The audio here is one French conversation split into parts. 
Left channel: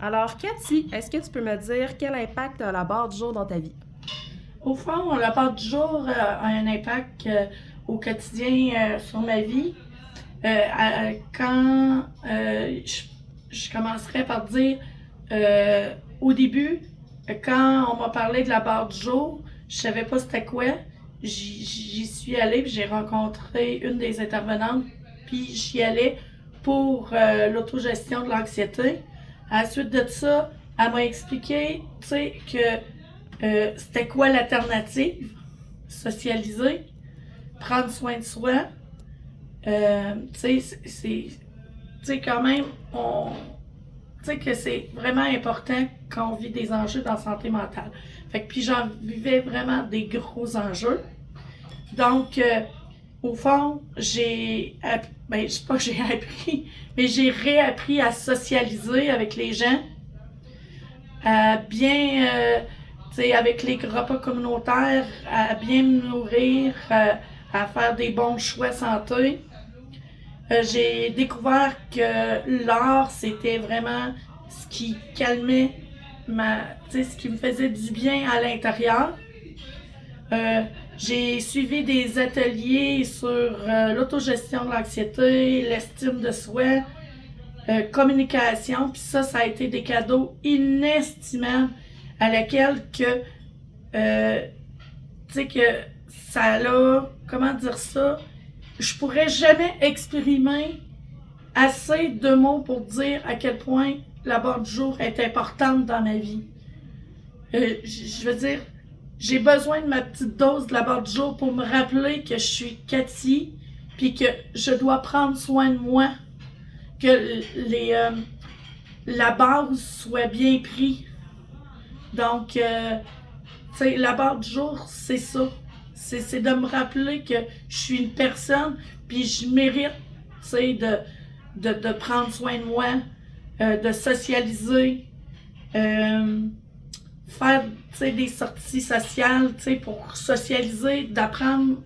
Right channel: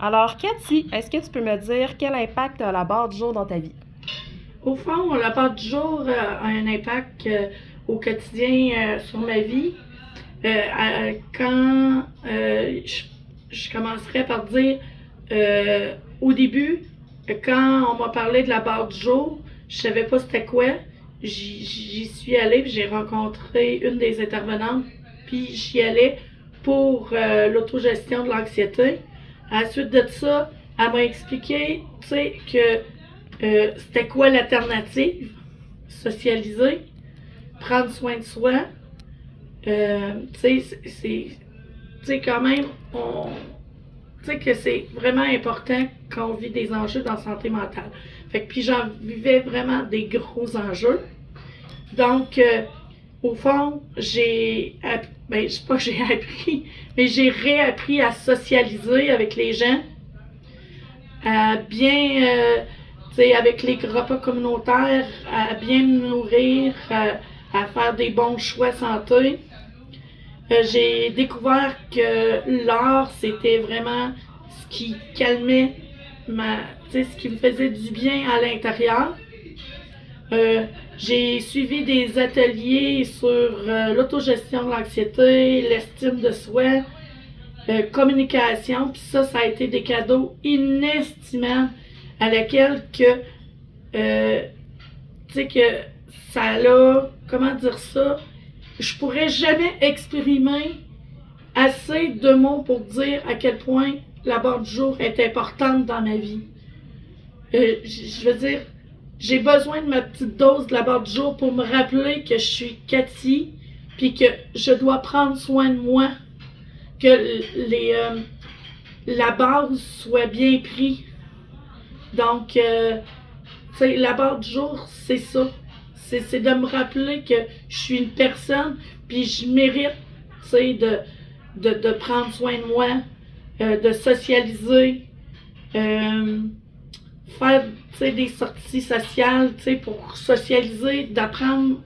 Alors, Cathy, est-ce que tu peux me dire quel impact a la barre du jour dans ta vie? Au fond, la part du jour a un impact au quotidien sur ma vie. Quand je commencerai par dire, au début, quand on m'a parlé de la barre du jour, je savais pas c'était quoi. J'y suis allée, puis j'ai rencontré une des intervenantes, puis j'y allais pour l'autogestion de l'anxiété. À la suite de ça, elle m'a expliqué, tu sais, que c'était quoi l'alternative? Socialiser, prendre soin de soi. Tu sais, quand même, tu sais que c'est vraiment important quand on vit des enjeux dans la santé mentale. Fait que puis j'en vivais vraiment des gros enjeux. Donc, au fond, je sais pas que j'ai appris, mais j'ai réappris à socialiser avec les gens, à bien, avec les repas communautaires, à bien me nourrir, à faire des bons choix santé. J'ai découvert que l'art, c'était vraiment ce qui calmait ce qui me faisait du bien à l'intérieur. Euh, j'ai suivi des ateliers sur l'autogestion de l'anxiété, l'estime de soi, communication, puis ça a été des cadeaux inestimables à laquelle que, euh, tu sais, que ça l'a, comment dire ça, je pourrais jamais exprimer assez de mots pour dire à quel point la barre du jour est importante dans ma vie. Je veux dire, j'ai besoin de ma petite dose de la barre du jour pour me rappeler que je suis Cathy, puis que je dois prendre soin de moi, que la base soit bien prise. Donc, tu sais, la barre du jour, c'est ça. C'est de me rappeler que je suis une personne, puis je mérite, tu sais, de prendre soin de moi, de socialiser, faire, tu sais, des sorties sociales, tu sais, pour socialiser, d'apprendre,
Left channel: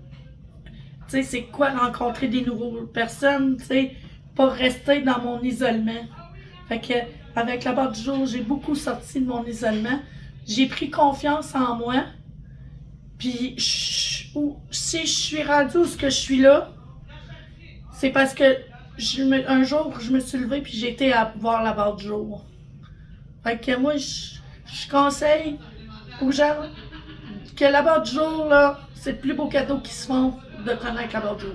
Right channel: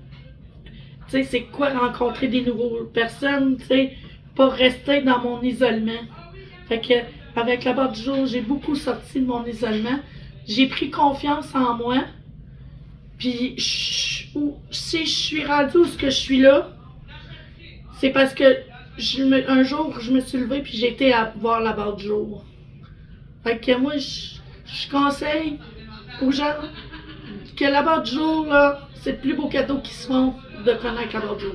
tu sais, c'est quoi rencontrer des nouvelles personnes, tu sais, pas rester dans mon isolement. Fait que, avec la barre du jour, j'ai beaucoup sorti de mon isolement. J'ai pris confiance en moi. Puis, si je suis rendue où ce que je suis là, c'est parce que un jour, je me suis levée puis j'ai été à voir la barre du jour. Fait que moi, je conseille aux gens que la barre du jour, là, c'est le plus beau cadeau qu'ils se font de connaître la barre du jour.